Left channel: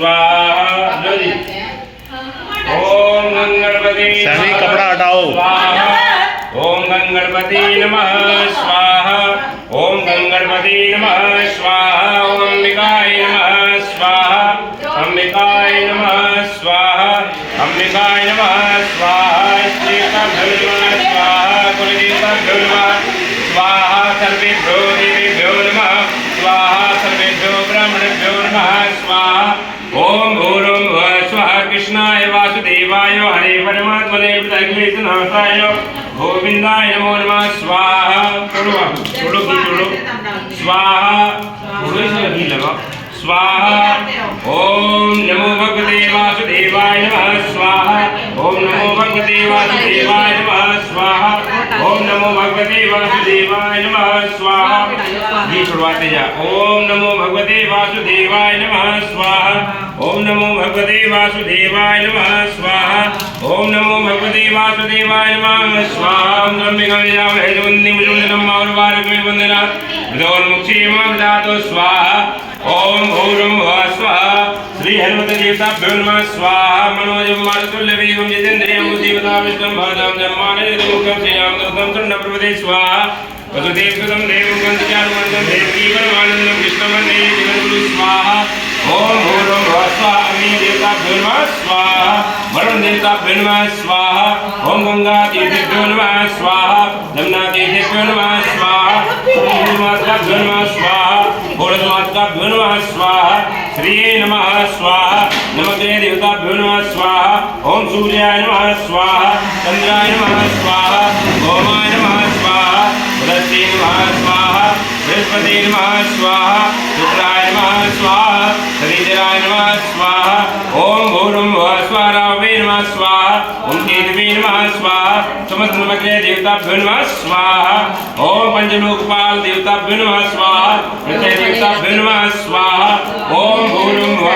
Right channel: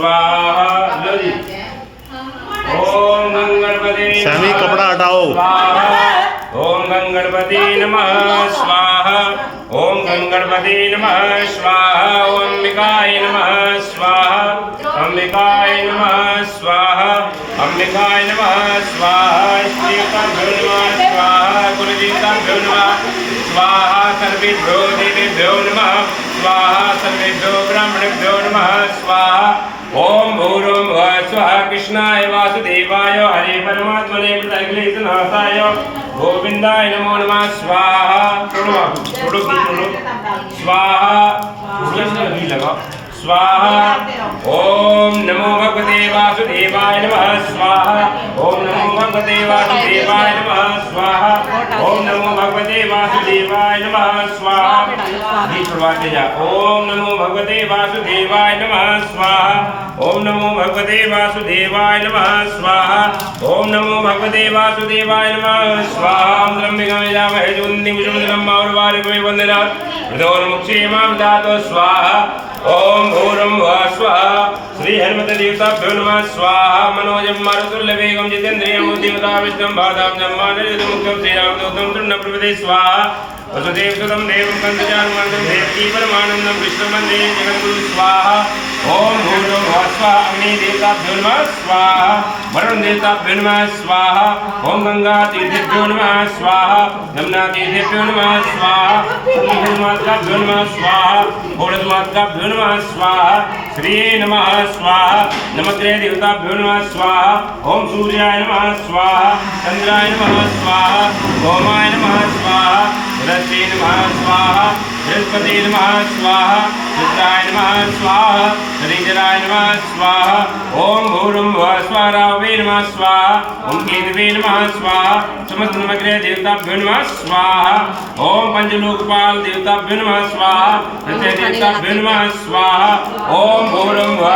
स्वाहा। ओम गंगणपति सभी कपड़ा हटाओ। स्वाहा। ओम गंगणपति नमः स्वाहा। ओम गंगणपति नमः स्वाहा। ओम अंबिकाय नमः स्वाहा। अंबिकाय नमः स्वाहा। अंबिकाय नमः स्वाहा। श्रीकाभ्यो नमः स्वाहा। कुलदेवताभ्यो नमः स्वाहा। सर्वेभ्यो देवेभ्यो नमः स्वाहा। सर्वेभ्यो ब्राह्मणेभ्यो नमः स्वाहा। ओम भूर्भुवः स्वः। कृष्णाय वासुदेवाय हरे परमात्मने अखिलेशनाथाय गोविंदाय नमो नमः स्वाहा। छोड़ो स्वाहा। स्वाहा। ओम नमो भगवते वासुदेवाय नमः स्वाहा। ओम नमो भगवते वासुदेवाय नमः स्वाहा। ओम नमो भगवते वासुदेवाय नमः स्वाहा। जी शुरुआत जा। ओम नमो भगवते वासुदेवाय नमः स्वाहा। ओम नमो भगवते वासुदेवाय नमः स्वाहा। ओम नमो भगवते वासुदेवाय नमः स्वाहा। ओम ब्रह्मगामयामहे जुन्दिं शुभदनं मार्गारकमे वन्दनात् मृदोन्मुक्षे मां ददातु स्वाहा। ओम भूर्भुवः स्वः। श्री हनुमते देवताभ्यो नमः स्वाहा। मनोजं मारुतुल्यवेगं जितेन्द्रियं देवता विष्णुं भादां जम्मानिर्मुख्यं श्रीरामदूतं तुण्डप्रभृते स्वाहा। वसुदेवसुतं देवं कंसचारुमर्दं देवकी परमानन्दं कृष्णवन्दे जगद्गुरुं स्वाहा। ओम भूर्भुवः स्वः। अग्नि देवताभ्यो नमः स्वाहा। वरुण देवताभ्यो नमः स्वाहा। ओम गंगा तीर्थेभ्यो नमः स्वाहा। जमुना तीर्थेभ्यो नमः स्वाहा। श्रीमाताभ्यो नमः स्वाहा। भोरमाताभ्यो नमः स्वाहा। श्री नमः स्वाहा। नमग्रे देवताभ्यो नमः स्वाहा। ओम सूर्याय नमः स्वाहा। चंद्राय नमः स्वाहा। ओमाय नमः स्वाहा। बृहस्पति नमः स्वाहा। बृहस्पति नमः स्वाहा। रुद्राय नमः स्वाहा। शनिचराय नमः स्वाहा। ओम भूर्भुवः स्वः। रावे नमः स्वाहा। ओम केतवे नमः स्वाहा। समस्त नमग्रे देवताभ्यो नमः स्वाहा। ओम पंचलोकपाल देवताभ्यो नमः स्वाहा। प्रत्यय देवताभ्यो नमः स्वाहा। ओम भूर्भुवः